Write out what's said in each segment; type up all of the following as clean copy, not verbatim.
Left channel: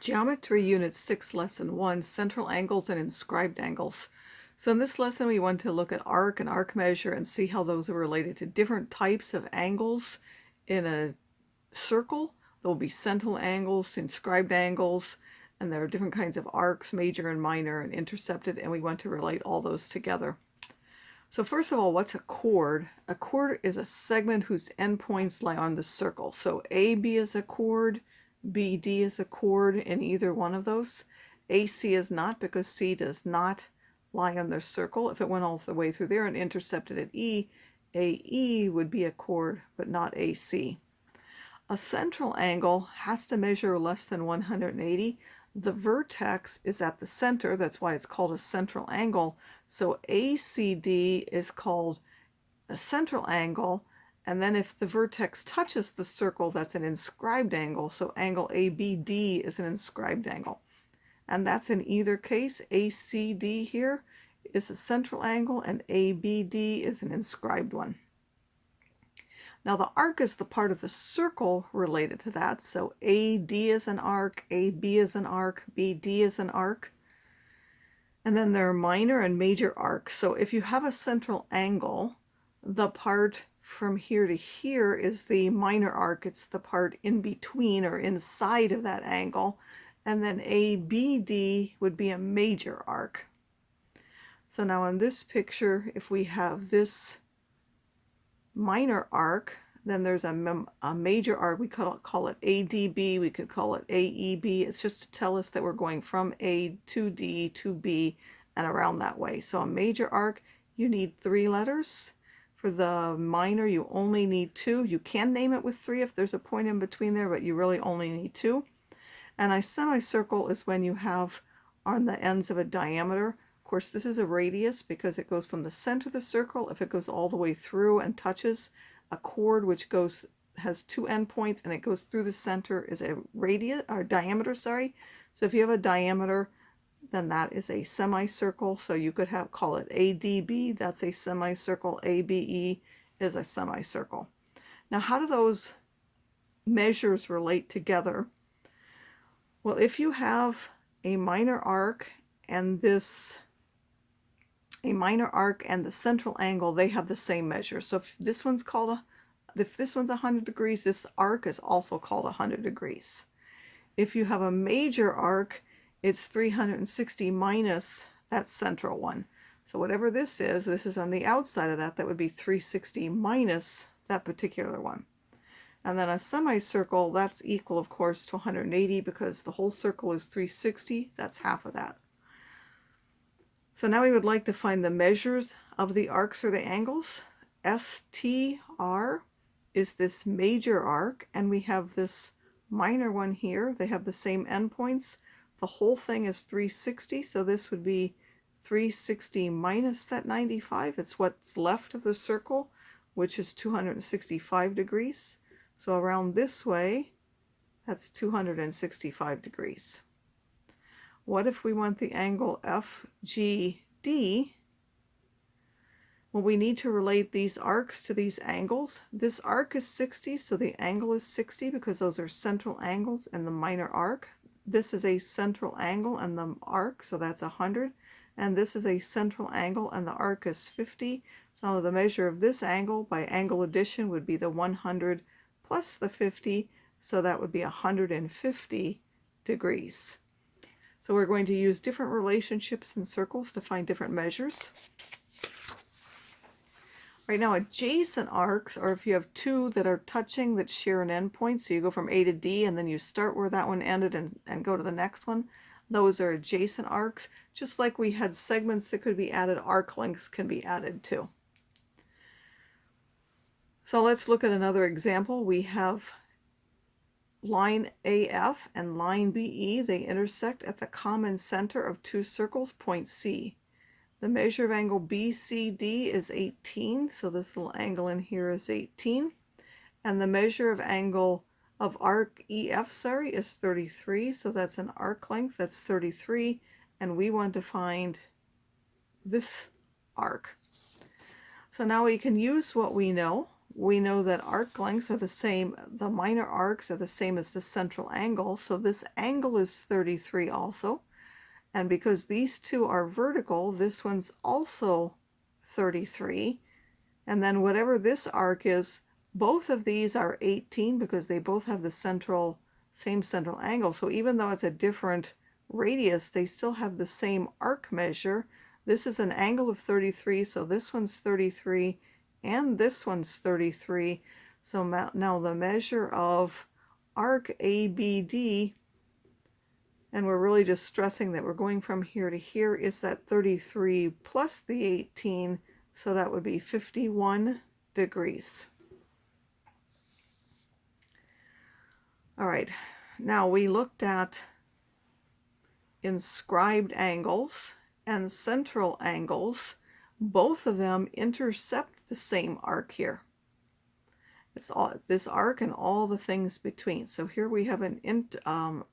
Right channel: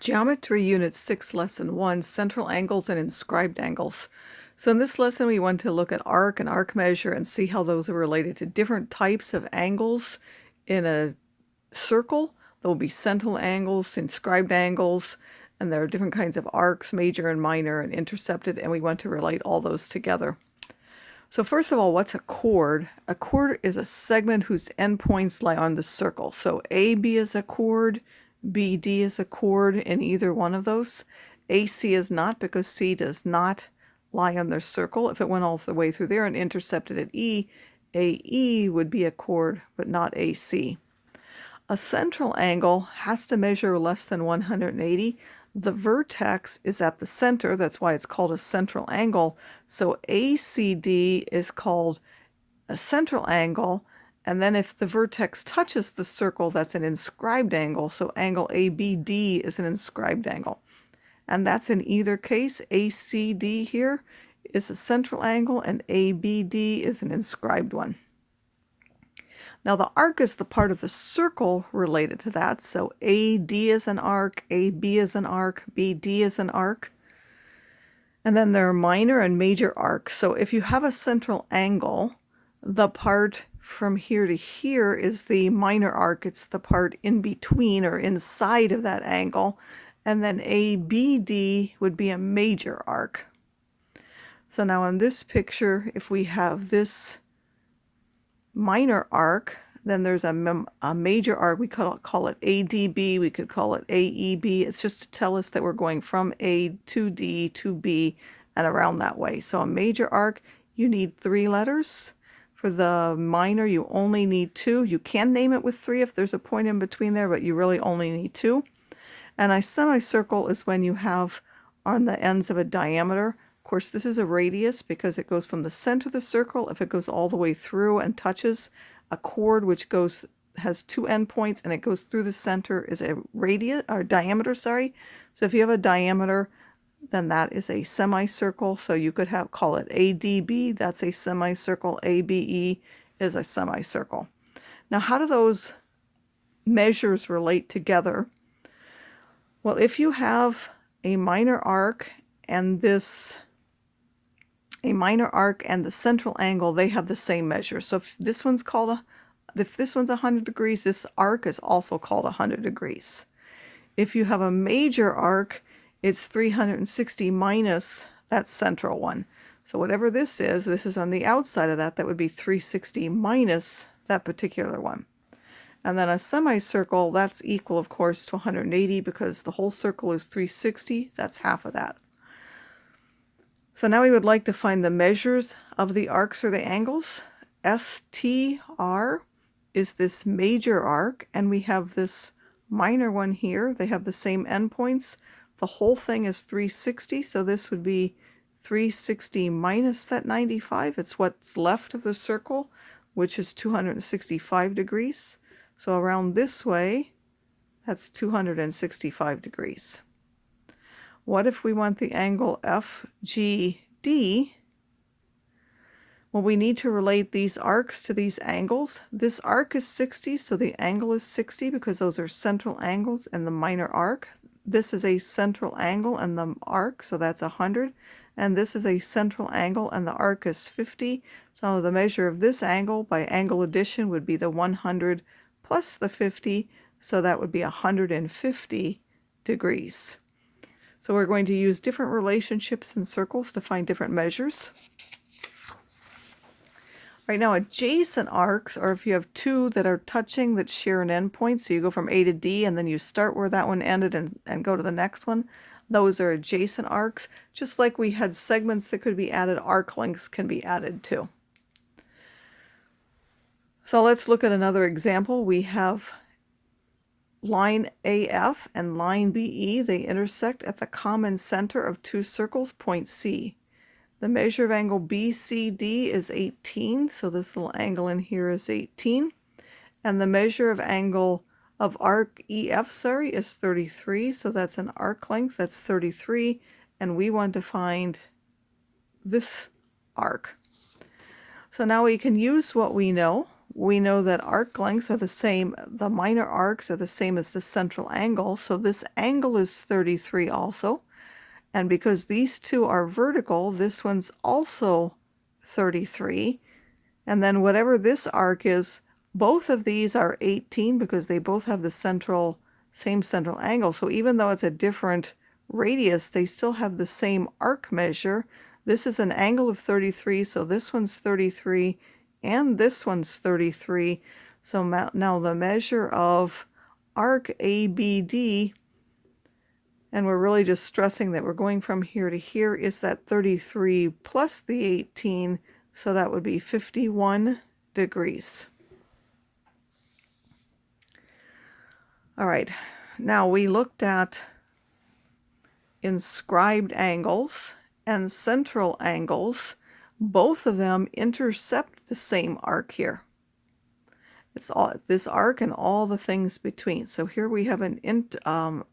Geometry Unit 6, Lesson 1, Central Angles and Inscribed Angles. So in this lesson, we want to look at arc and arc measure and see how those are related to different types of angles in a circle. There will be central angles, inscribed angles, and there are different kinds of arcs, major and minor, and intercepted, and we want to relate all those together. So first of all, what's a chord? A chord is a segment whose endpoints lie on the circle. So AB is a chord, BD is a chord in either one of those. AC is not, because C does not lie on their circle. If it went all the way through there and intercepted at E, AE would be a chord, but not AC. A central angle has to measure less than 180. The vertex is at the center. That's why it's called a central angle. So ACD is called a central angle. And then if the vertex touches the circle, that's an inscribed angle. So angle ABD is an inscribed angle. And that's in either case. ACD here is a central angle and ABD is an inscribed one. Now the arc is the part of the circle related to that. So AD is an arc, AB is an arc, BD is an arc. And then there are minor and major arcs. So if you have a central angle, the part from here to here is the minor arc. It's the part in between or inside of that angle. And then ABD would be a major arc. So now in this picture, if we have this minor arc, then there's a major arc. We could call it ADB, we could call it AEB. It's just to tell us that we're going from A to D to B and around that way. So a major arc, you need 3 letters. For the minor, you only need 2. You can name it with 3 if there's a point in between there, but you really only need 2. And a semicircle is when you have on the ends of a diameter. Of course, this is a radius because it goes from the center of the circle. If it goes all the way through and touches a chord which has 2 endpoints and it goes through the center is a radius or diameter, sorry. So if you have a diameter, then that is a semicircle. So you could call it ADB, that's a semicircle. ABE is a semicircle. Now, how do those measures relate together? Well, if you have a minor arc and the central angle, they have the same measure. So if this one's 100 degrees, this arc is also called 100 degrees. If you have a major arc, it's 360 minus that central one. So whatever this is on the outside of that. That would be 360 minus that particular one. And then a semicircle, that's equal, of course, to 180 because the whole circle is 360. That's half of that. So now we would like to find the measures of the arcs or the angles. STR is this major arc, and we have this minor one here. They have the same endpoints. The whole thing is 360, so this would be 360 minus that 95. It's what's left of the circle, which is 265 degrees. So around this way, that's 265 degrees. What if we want the angle FGD? Well, we need to relate these arcs to these angles. This arc is 60, so the angle is 60 because those are central angles and the minor arc. This is a central angle and the arc, so that's 100. And this is a central angle and the arc is 50. So the measure of this angle by angle addition would be the 100 plus the 50, so that would be 150 degrees. So we're going to use different relationships in circles to find different measures. Right now, adjacent arcs, or if you have 2 that are touching that share an endpoint, so you go from A to D and then you start where that one ended and go to the next one, those are adjacent arcs. Just like we had segments that could be added, arc lengths can be added too. So let's look at another example. We have line AF and line BE. They intersect at the common center of 2 circles, point C. The measure of angle BCD is 18, so this little angle in here is 18. And the measure of angle of arc EF, is 33, so that's an arc length, that's 33. And we want to find this arc. So now we can use what we know. we know that arc lengths are the same, the minor arcs are the same as the central angle, so this angle is 33 also. And because these two are vertical, this one's also 33. And then whatever this arc is, both of these are 18 because they both have the same central angle. So even though it's a different radius, they still have the same arc measure. This is an angle of 33, so this one's 33, and this one's 33. So now the measure of arc ABD, and we're really just stressing that we're going from here to here, is that 33 plus the 18, so that would be 51 degrees. All right, now we looked at inscribed angles and central angles. Both of them intercept the same arc here. It's all this arc and all the things between. So here we have an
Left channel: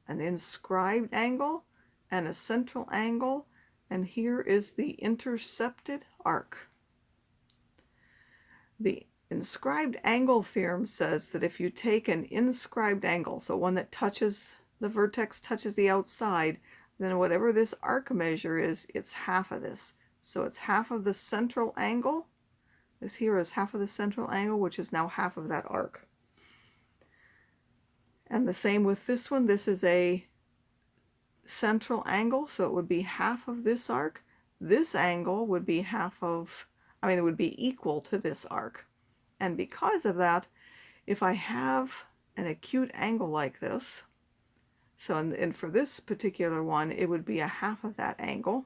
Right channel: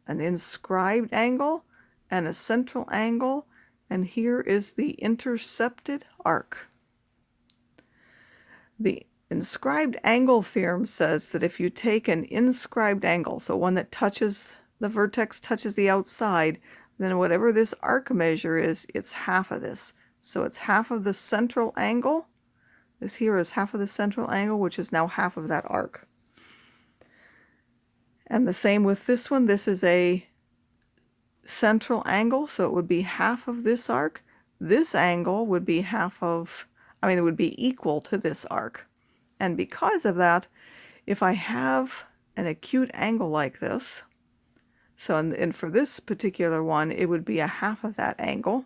inscribed angle and a central angle, and here is the intercepted arc. The Inscribed Angle Theorem says that if you take an inscribed angle, so one that touches the vertex, touches the outside, then whatever this arc measure is, it's half of this. So it's half of the central angle. This here is half of the central angle, which is now half of that arc. And the same with this one. This is a central angle, so it would be half of this arc. This angle would be it would be equal to this arc. And because of that, if I have an acute angle like this, so and for this particular one, it would be a half of that angle.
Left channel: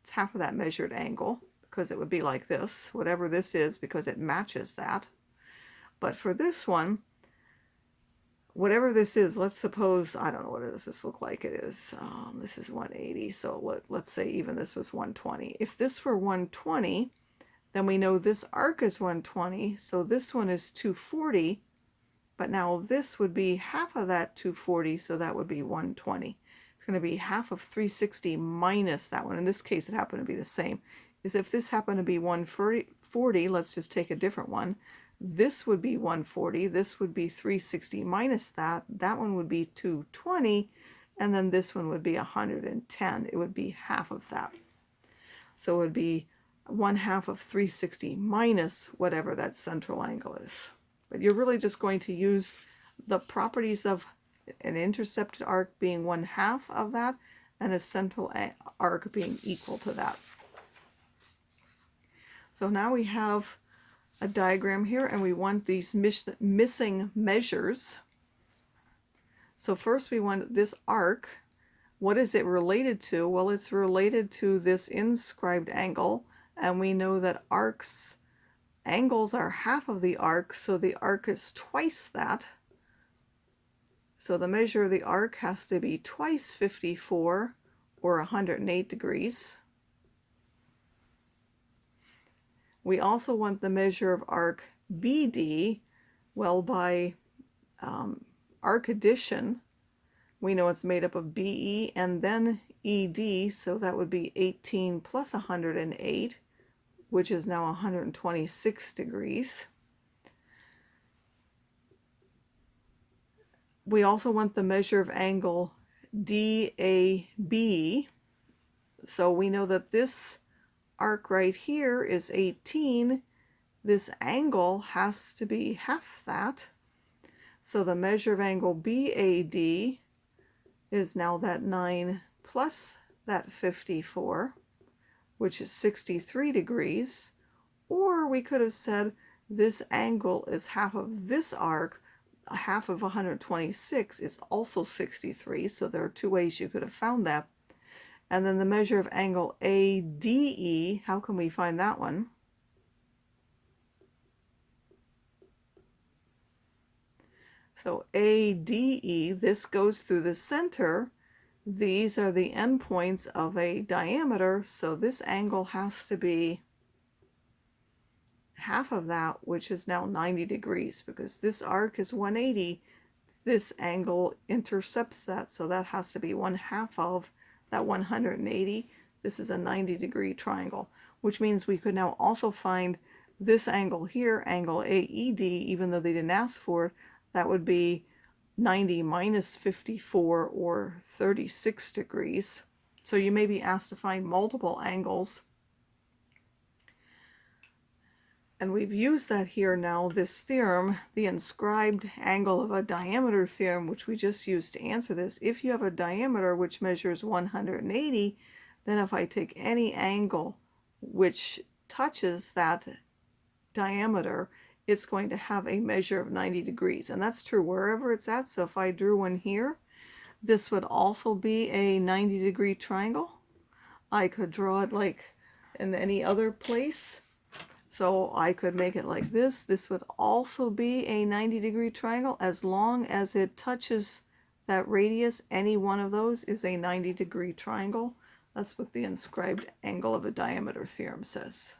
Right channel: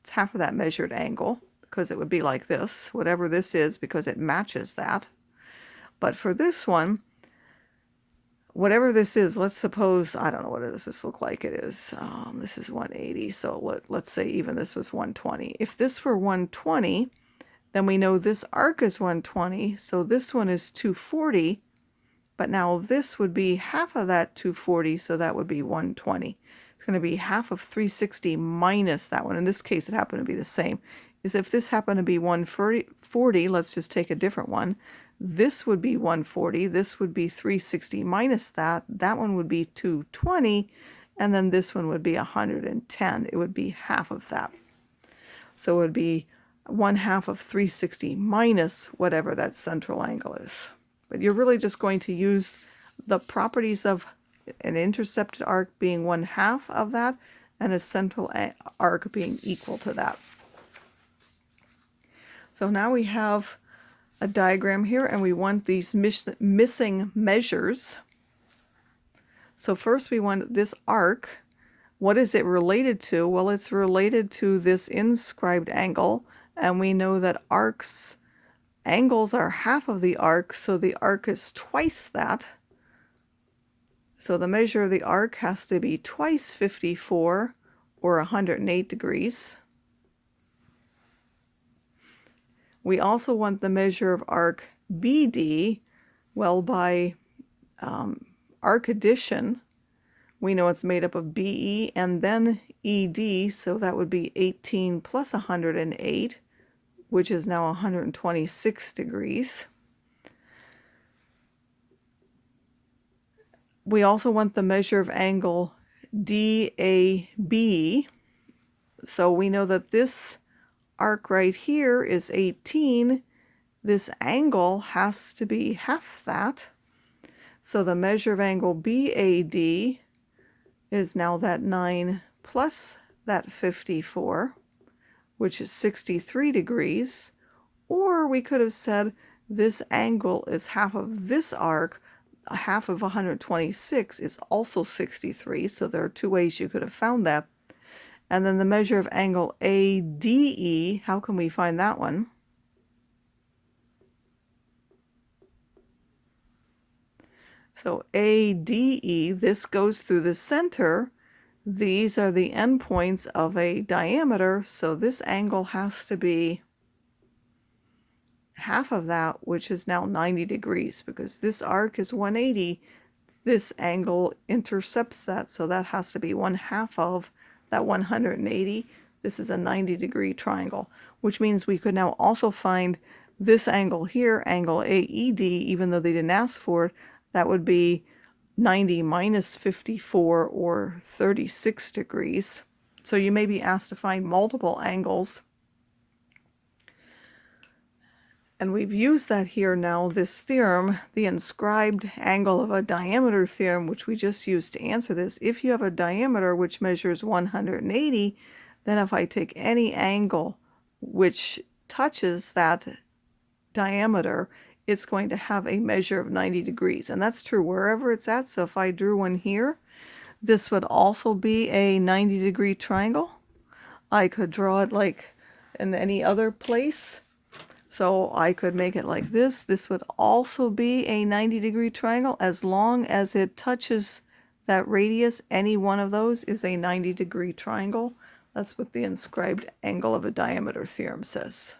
It's half of that measured angle, because it would be like this, whatever this is, because it matches that. But for this one, whatever this is, let's suppose, I don't know, what does this look like? It is, this is 180, so let's say even this was 120. If this were 120, then we know this arc is 120, so this one is 240, but now this would be half of that 240, so that would be 120. It's going to be half of 360 minus that one. In this case, it happened to be the same. Is if this happened to be 140, let's just take a different one. This would be 140, this would be 360 minus that. That one would be 220, and then this one would be 110. It would be half of that. So it would be 1/2 of 360 minus whatever that central angle is. But you're really just going to use the properties of an intercepted arc being 1/2 of that and a central arc being equal to that. So now we have a diagram here, and we want these missing measures. So first we want this arc. What is it related to? Well, it's related to this inscribed angle. And we know that angles are half of the arc, so the arc is twice that. So the measure of the arc has to be twice 54, or 108 degrees. We also want the measure of arc BD. Well, by arc addition, we know it's made up of BE and then ED, so that would be 18 plus 108, which is now 126 degrees. We also want the measure of angle DAB. So we know that this arc right here is 18. This angle has to be half that. So the measure of angle BAD is now that 9 plus that 54, which is 63 degrees. Or we could have said this angle is half of this arc. Half of 126 is also 63, so there are two ways you could have found that. And then the measure of angle ADE, how can we find that one? So ADE, this goes through the center. These are the endpoints of a diameter, so this angle has to be half of that, which is now 90 degrees, because this arc is 180. This angle intercepts that, so that has to be 1/2 of that 180. This is a 90-degree triangle, which means we could now also find this angle here, angle AED, even though they didn't ask for it, that would be 90 minus 54 or 36 degrees. So you may be asked to find multiple angles. And we've used that here now, this theorem, the inscribed angle of a diameter theorem, which we just used to answer this. If you have a diameter which measures 180, then if I take any angle which touches that diameter, it's going to have a measure of 90 degrees. And that's true wherever it's at. So if I drew one here, this would also be a 90-degree triangle. I could draw it like in any other place. So I could make it like this. This would also be a 90-degree triangle as long as it touches that radius. Any one of those is a 90-degree triangle. That's what the inscribed angle of a diameter theorem says.